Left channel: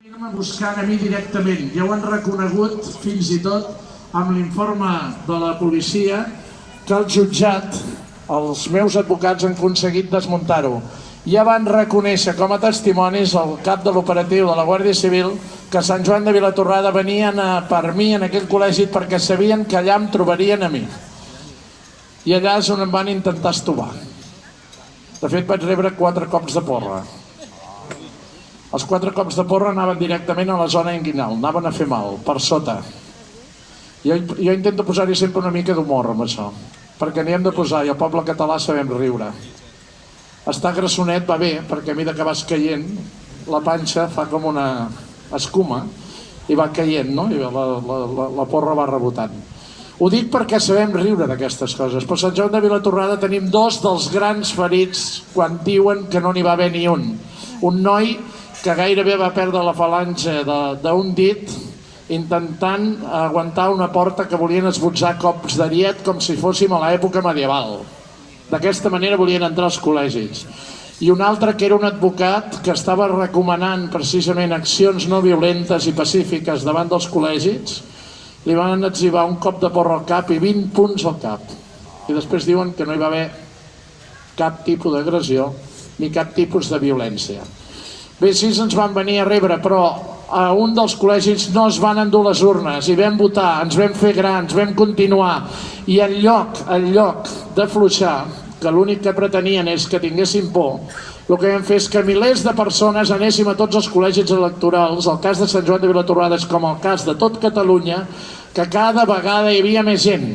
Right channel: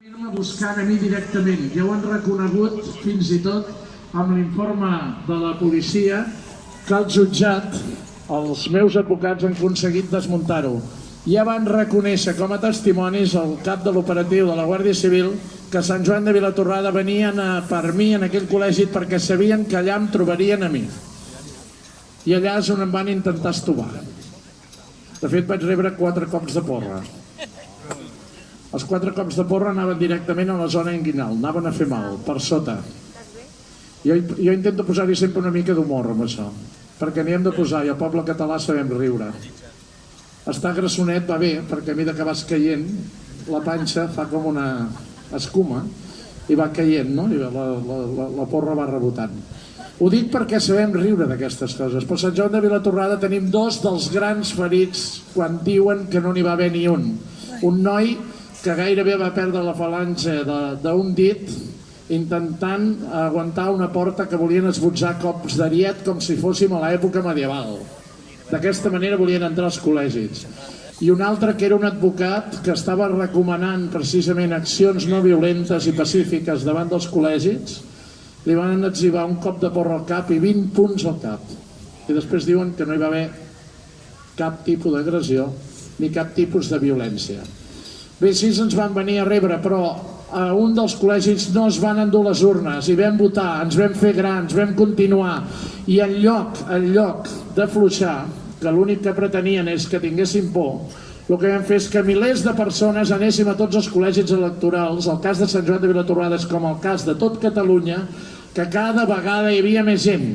Buscant a mi directament, ja ho han reconegut fins i tot amb l'informe de la policia que el jutjat, els meus advocats han aconseguit desmuntar-ho. Ja van reconèixer com a testimonis el cap de l'operatiu de la Guàrdia Civil que a Sant Joan de Vilatorrada venien per mi en aquell col·legi perquè sabien que allà em trobarien a mi. I allà és on em van intentar estovar. De fet, vaig rebre 4 cops de porra. Els 4 cops de porra anaven directament a la zona inguinal, anaven a fer mal, per sota. Jo intento posar-hi sempre una mica d'humor amb això, perquè n'hi hem de posar i el poble català sabem riure. Estar grassonet va bé, perquè a mesura que vas caient, la panxa fa com una escuma i va caient, no? I la porra va rebotant. Ho dic perquè sabem riure d'aquestes coses, però a Sant Joan de Vilatorrada tenim 2 dels grans ferits quan diuen que no n'hi va haver ni un. Un noi que gairebé va perdre la falange d'un dit intentant aguantar una porta que volien esbotzar cops d'ariet com si fóssim a l'època medieval. D'aquesta manera volien entrar als col·legis. I un altre que era un advocat que estava recomanant precisament accions no violentes i pacífiques davant dels col·legis, li van etzibar un cop de porra al cap i 20 punts al cap. I després diuen que no hi va haver cap tipus d'agressió ni cap tipus de violència. Bé, així ens van venir a rebre, però a un dels col·legis no es van endur les urnes i vam votar, ens vam fer grans, vam continuar. I en lloc d'afluixar, que l'únic que pretenien és que tinguéssim por, el que vam fer és que milers de persones anéssim a tots els col·legis electorals, el cas de Sant Joan de Vilatorrada és com el cas de tot Catalunya, que cada vegada hi havia més gent.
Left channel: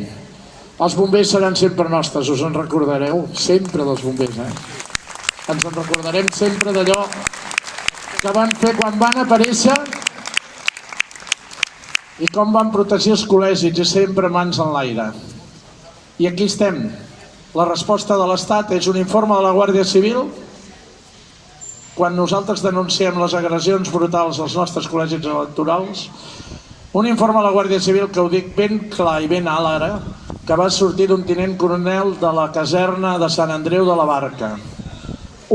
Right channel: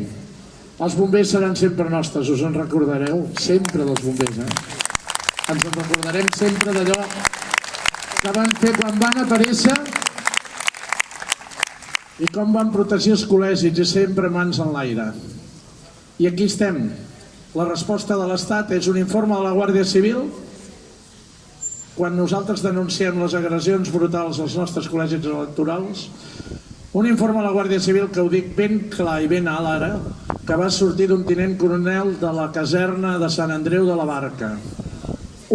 Els bombers seran sempre nostres, us en recordareu? Sempre dels bombers, Ens en recordarem sempre d'allò que van fer quan van aparèixer i com van protegir els col·legis i sempre mans en l'aire. I aquí estem. La resposta de l'Estat és un informe de la Guàrdia Civil quan nosaltres denunciem les agressions brutals als nostres col·legis electorals, un informe de la Guàrdia Civil que ho dic ben clar i ben alt ara, que va sortir d'un tinent coronel de la caserna de Sant Andreu de la Barca.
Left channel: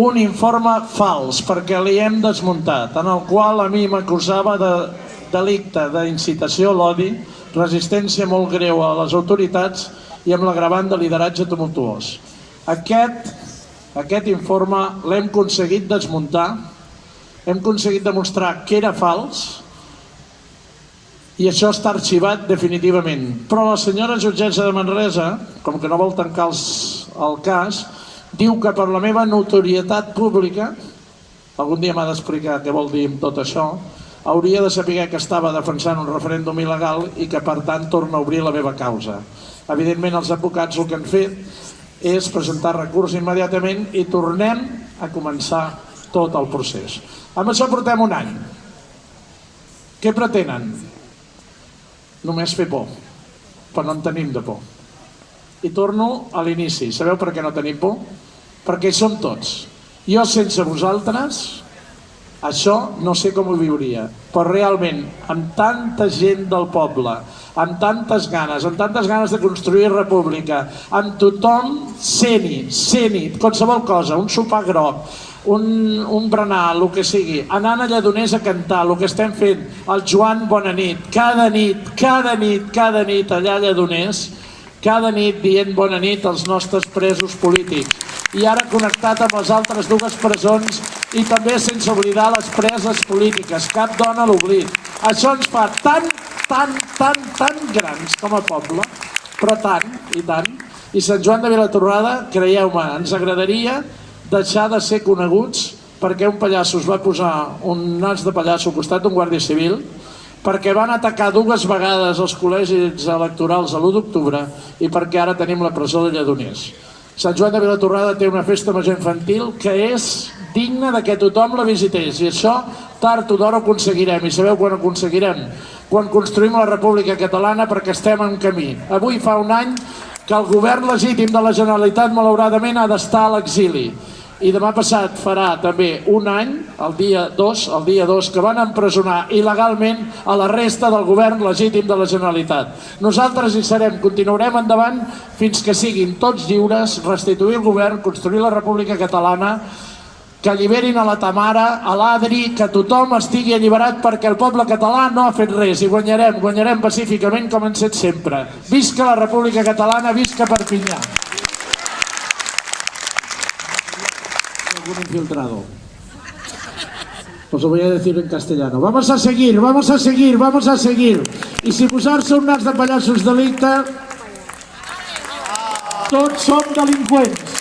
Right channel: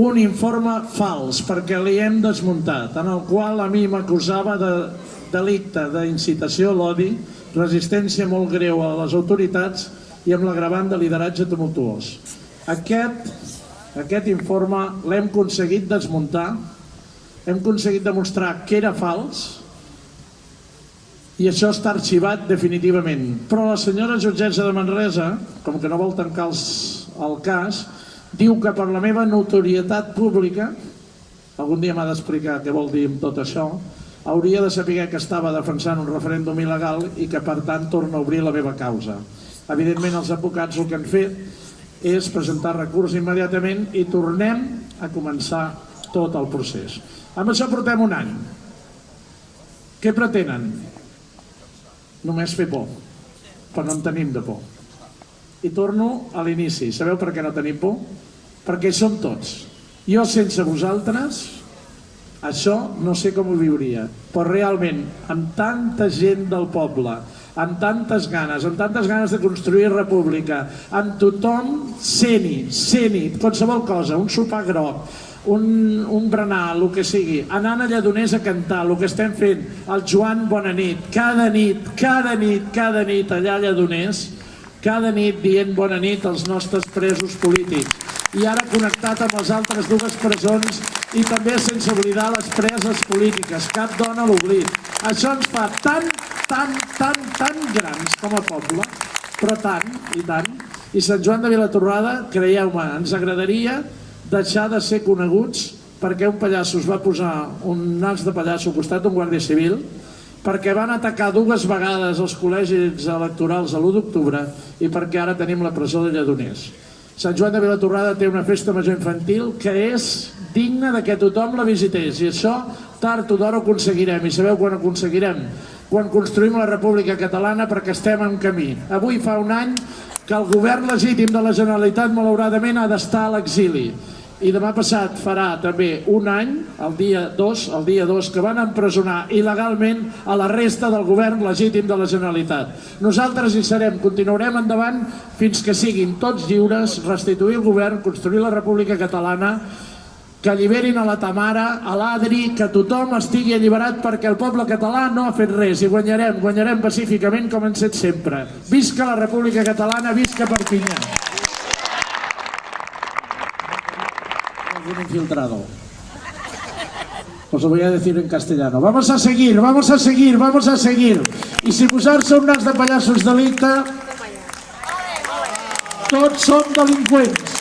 Un informe fals, perquè li hem desmuntat, en el qual a mi m'acusava de delicte d'incitació a l'odi, resistència molt greu a les autoritats i amb l'agravant de lideratge tumultuós. Aquest informe l'hem aconseguit desmuntar, hem aconseguit demostrar que era fals i això està arxivat definitivament. Però la senyora jutgessa de Manresa, com que no vol tancar el cas, diu que per la meva notorietat pública, algun dia m'ha d'explicar què vol dir amb tot això, hauria de saber que estava defensant un referèndum il·legal i que per tant torna a obrir la meva causa. Evidentment els advocats el que han fet és presentar recurs immediatament i tornem a començar tot el procés. Amb això portem un any. Què pretenen? Només fer por, però no en tenim de por. I torno a l'inici. Sabeu per què no tenim por? Perquè hi som tots. Jo sense vosaltres, això no sé com ho viuria. Però realment, amb tanta gent del poble, amb tantes ganes de construir república, amb tothom sent-hi, qualsevol cosa, un sopar groc, un berenar, el que sigui, anant a Lledoners a cantar, el que estem fent, el Joan Bona Nit, cada nit allà a Lledoners, cada nit dient bona nit als nostres presos polítics. I ara connectat amb les altres 2 presons i també sense oblidar les preses polítiques. Cap dona a l'oblit. Això ens fa tan grans com a poble, però tant, i tant. I Sant Joan de Vilatorrada, creieu-me, ens agradaria deixar de ser coneguts perquè un pallasso es va posar un nas de pallasso al costat d'un guàrdia civil, perquè van atacar 2 vegades els col·legis electorals a l'1 d'octubre i perquè ara tenim la presó de Lledoners. Sant Joan de Vilatorrada té una festa major infantil que és digna de que tothom la visités i això tard o d'hora ho aconseguirem. I sabeu quan ho aconseguirem? Quan construïm la República Catalana, perquè estem en camí. Avui fa un any que el govern legítim de la Generalitat malauradament ha d'estar a l'exili. I demà passat farà també un any, el dia 2, que van empresonar il·legalment a la resta del govern legítim de la Generalitat. Nosaltres hi serem, continuarem endavant fins que siguin tots lliures, restituir el govern, construir la República Catalana que alliberin a la Tamara, a l'Adri, que tothom estigui alliberat perquè el poble català no ha fet res i guanyarem pacíficament com hem set sempre. Visca la República Catalana, visca Perpinyà. Algún infiltrado. Os lo voy a decir en castellano. Vamos a seguir. I si posar-se un nas de pallassos delicte, tots som delinqüents.